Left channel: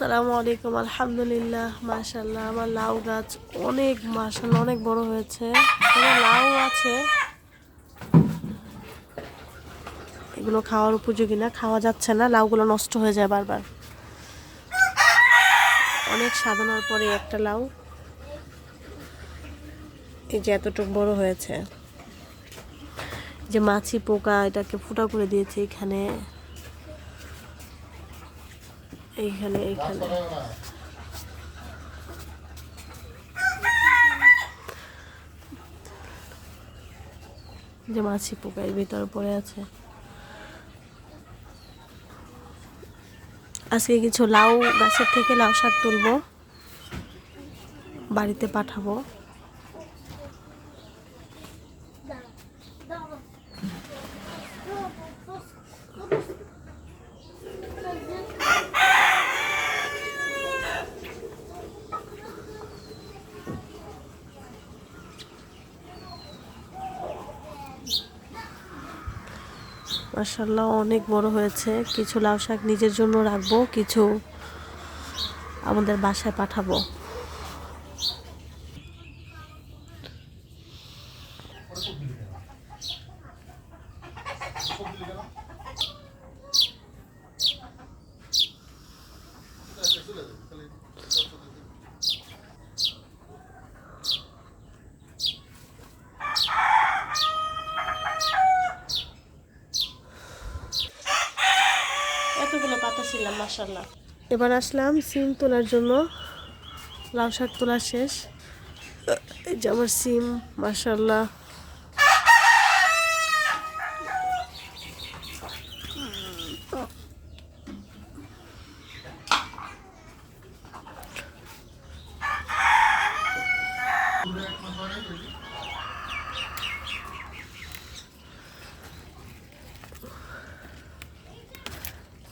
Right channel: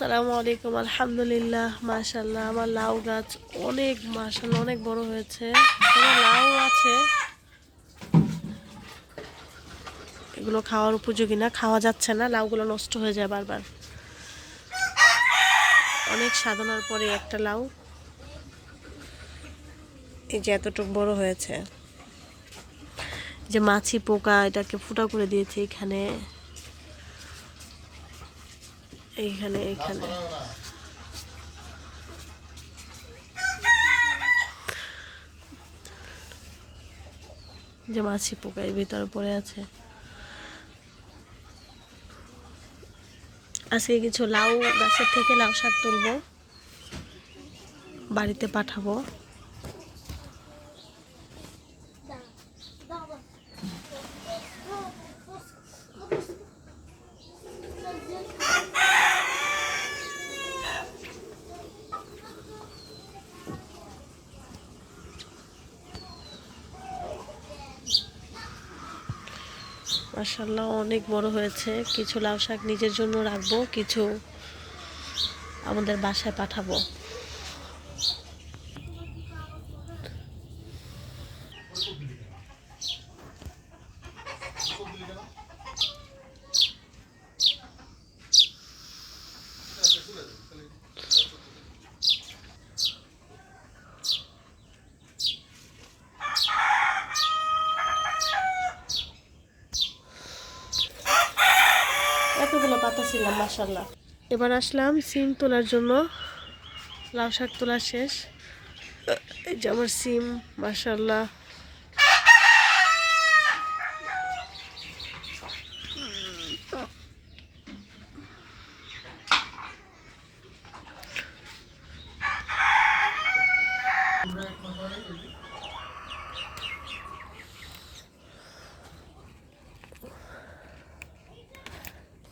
আসসালামু আলাইকুম, আলহামদুলিল্লাহ মাশাল্লাহ আমার লাউ গাছ অনেক মাশাল্লাহ অনেক বড় হয়েছে। লাউ আছে। এগুলো খাওয়ার উপযোগী না, খাওয়া যাচ্ছে না, লাউগুলো নষ্ট হয়ে যায় বারবার। অনেক সাধনার পরে একটা লাউ। এই যে এতটুকু বড় হয়েছে। যে মাছি পোকা, এটাকে ফুটা করে দিয়েছে এখানে। এইখানে এইখানে। যে মাছি পোকা এর ভিতরে পড়ে আছে। আজকে কিছু লাউ গাছের থেকে লাউ শাক তুলবো। বাড়িতে পাঠাবো। মাসাল্লাহ অনেক বড় হয়েছে। কিছু লাউ শাক নিজের জন্য রাখব কিছু আমাদের বাসায় পাঠাবো। এতগুলো পাতা ছিলাম মাসাল্লাহ এবার আসলাম সিম তোলার জন্য। লাউ শাক তোলা শেষ। এই যে আমার সিম মাসাল্লাহ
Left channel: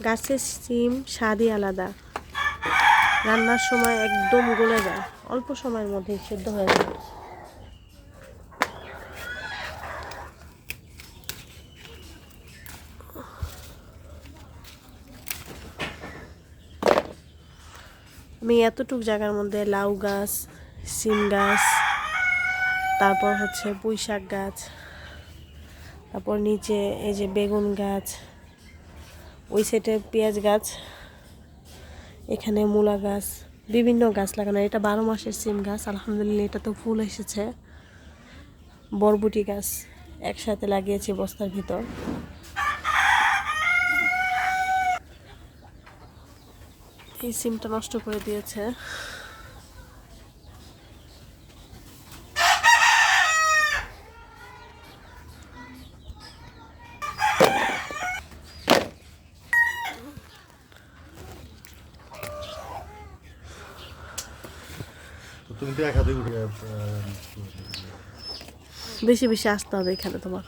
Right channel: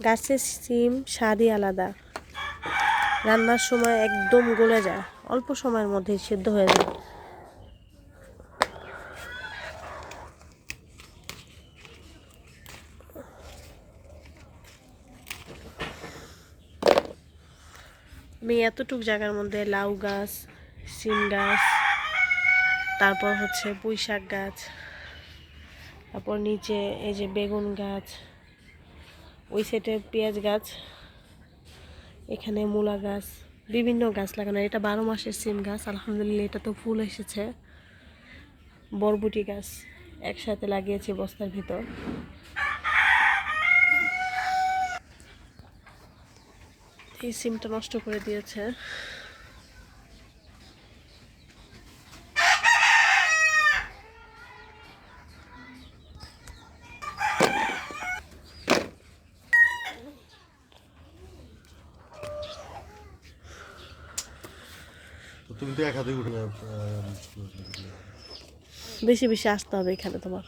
গাছের সিম, স্বাদই আলাদা। রান্নার সময় একদম গলে যায়। অল্প সময়ের মধ্যেই সেদ্ধ হয়ে যায়। আমি এতটুক জায়গার মধ্যে লাউ গাছ, সিম গাছ, তারপর হচ্ছে পুঁই শাক গাছ, তারপর নিচে এই যে বেগুন গাছ ওই সাইডে পেঁয়াজ গাছ, এখানে মূলা গাছ, বিভিন্ন গাছ লাগানো। এটা বারো মাসের সিম গাছ, আলহামদুলিল্লাহ এটা তো ফুল এসেছে। বরবটি গাছ একসাথে লাগিয়েছি বস্তার ভিতর। এই সিমটা নষ্ট করে দিয়েছে। বেশি বেশি আসতে হবে এখানে তোমার।